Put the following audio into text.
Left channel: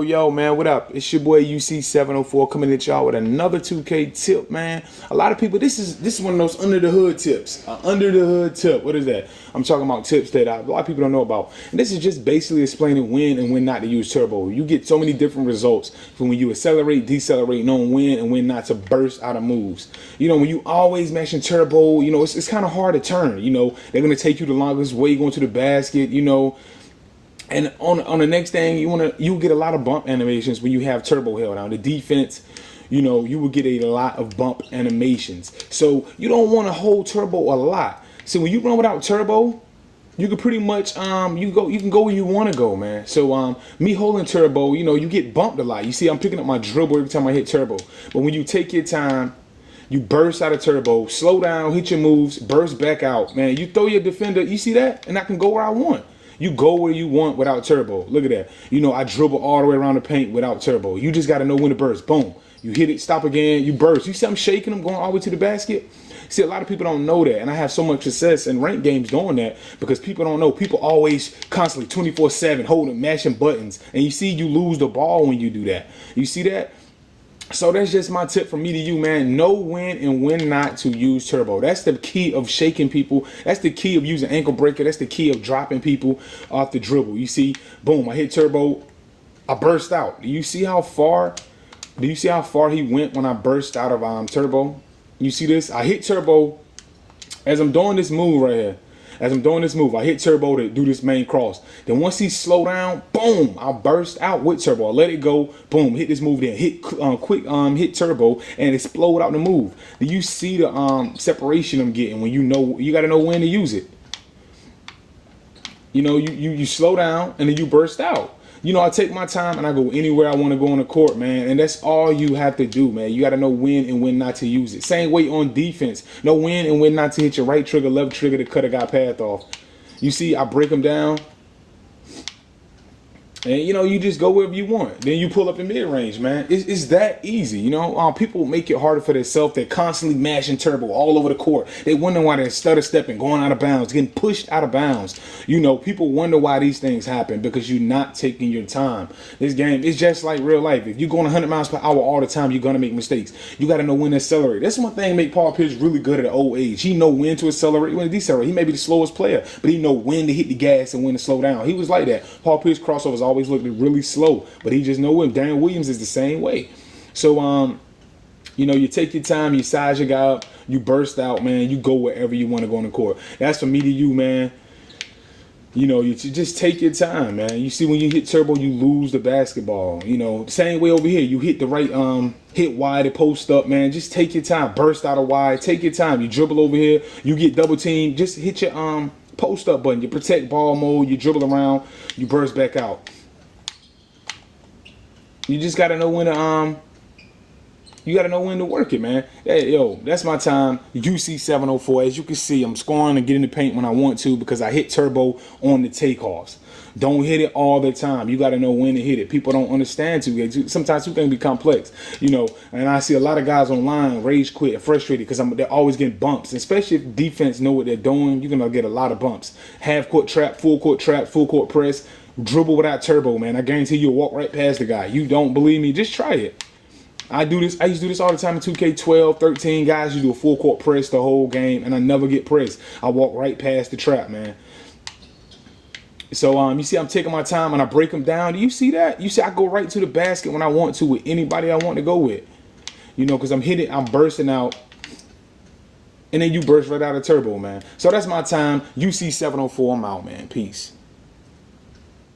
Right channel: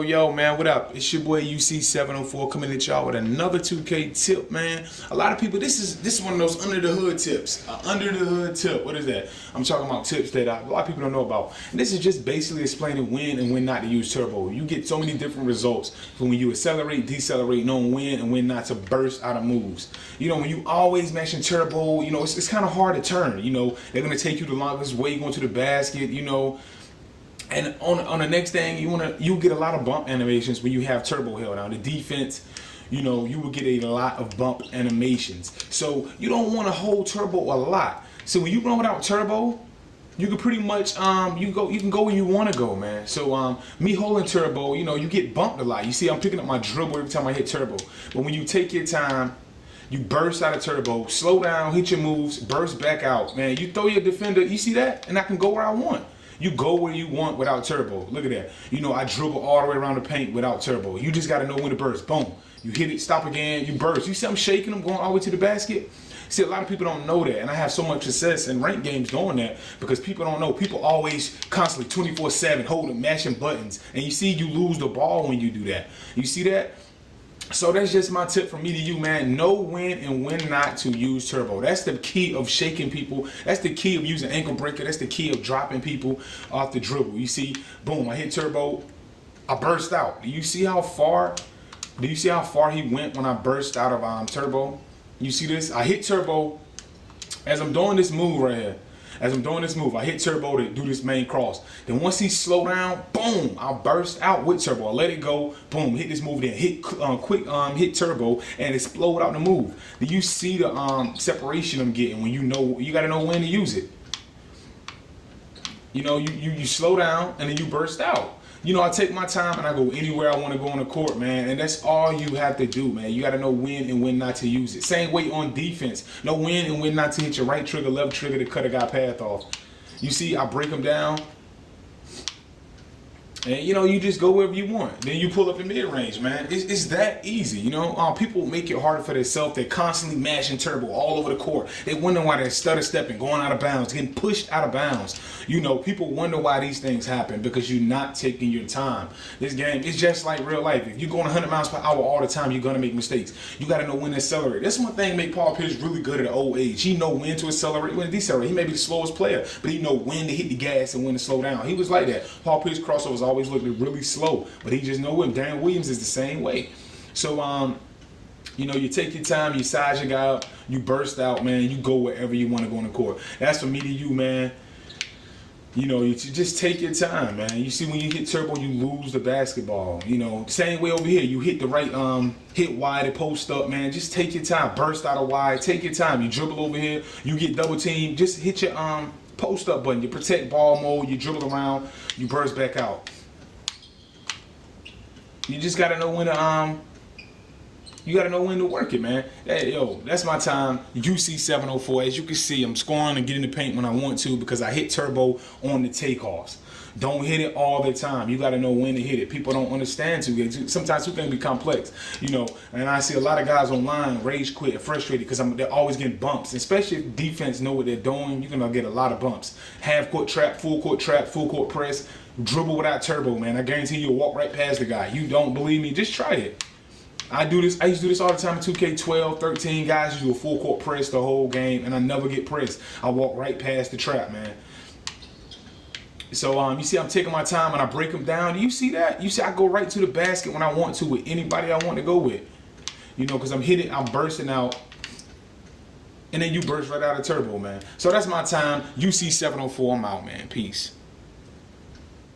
Yo, man, what up? It's your boy UC704 coming at y'all with another 2K tip, man. A lot of people, this is one of those under the hood tips. Under the hood tip. What is that? I'm talking about tips that a lot of people don't know about. And this is just basically explaining when and when not to use turbo. You get so many different results from when you accelerate, decelerate, knowing when and when not to burst out of moves. You know, when you always mashing turbo, you know, it's kind of hard to turn. You know, they're going to take you the longest way going to the basket, you know. And on the next thing, you get a lot of bump animations when you have turbo held down. The defense, you know, you will get a lot of bump animations. So you don't want to hold turbo a lot. So when you run without turbo, you can pretty much you can go where you want to go, man. So me holding turbo, you know, you get bumped a lot. You see, I'm picking up my dribble every time I hit turbo. But when you take your time, you burst out of turbo, slow down, hit your moves, burst back out, man. You throw your defender, you see that, and I can go where I want. You go where you want without turbo. Look at that. You know, I dribble all the way around the paint without turbo. You just got to know when to burst. Boom. You hit it, stop again, you burst. You see I'm shaking them, going all the way to the basket? See, a lot of people don't know that. And I have so much success in ranked games doing that because people don't know. People always constantly 24/7 holding, mashing buttons. And you see you lose the ball when you do that. You see that? So that's just my tip from me to you, man. Know when and when not to use turbo. That's the key of shaking people. That's the key of using ankle breaker. That's the key of dropping people off the dribble. You see, boom, I hit turbo, I burst out. Do you see how far? Do you see how far he went when I burst out of turbo? You see this? I hit turbo as I'm doing this move right here. As I'm doing this move, I hit turbo to do this main cross. Then once he slow down, boom, I'll burst out with turbo. I'll let it go, boom, hit this move then. Hit quick hit turbo and explode out the move. Do you see the separation I'm getting when you know, you gotta know when to use it. You know, you slow down and then you burst out. You know, I take my time and I go anywhere I want to go on the court, man. And that's all you have to do, man. You got to know when and when not to use it. Same way on defense. Know when and when not to hit your right trigger, left trigger to cut a guy path off. You see, I break him down. And, you know, you just go wherever you want. Then you pull up the mid-range, man. It's that easy, you know. People make it harder for themselves. They're constantly mashing turbo all over the court. They wonder why they're stutter stepping, going out of bounds, getting pushed out of bounds. You know, people wonder why these things happen because you're not taking your time. This game is just like real life. If you're going 100 miles per hour all the time, you're going to make mistakes. You got to know when to accelerate. That's one thing that make Paul Pierce really good at an old age. He know when to accelerate, when to decelerate. He may be the slowest player, but he know when to hit the gas and when to slow down. He was like that. Paul Pierce crossovers always looked really slow, but he just know it. Darren Williams is the same way. So, you know, you take your time, you size your guy up, you burst out, man. You go wherever you want to go on the court. That's from me to you, man. You know, you just take your time, man. You see, when you hit turbo, you lose the basketball. You know, same way over here. You hit the right, hit wide, and post up, man. Just take your time. Burst out of wide. Take your time. You dribble over here. You get double team. Just hit your post up button. You protect ball mode. You dribble around. You burst back out. You just gotta know when to you gotta know when to work it, man. Hey, yo, that's my time. UC704. As you can see, I'm scoring and getting the paint when I want to because I hit turbo on the takeoffs. Don't hit it all the time. You gotta know when to hit it. People don't understand too. Sometimes two things be complex, you know. And I see a lot of guys online rage quit, frustrated because they're always getting bumps. Especially if defense know what they're doing, you're gonna get a lot of bumps. Half court trap, full court press. Dribble without turbo, man. I guarantee you'll walk right past the guy. You don't believe me? Just try it. I do this. I used to do this all the time in 2K12, 13. Guys, you do a full court press the whole game, and I never get pressed. I walk right past the trap, man. So, you see I'm taking my time, and I break them down. Do you see that? You see I go right to the basket when I want to with anybody I want to go with. You know, because I'm bursting out. And then you burst right out of turbo, man. So that's my time. UC704, I'm out, man. Peace.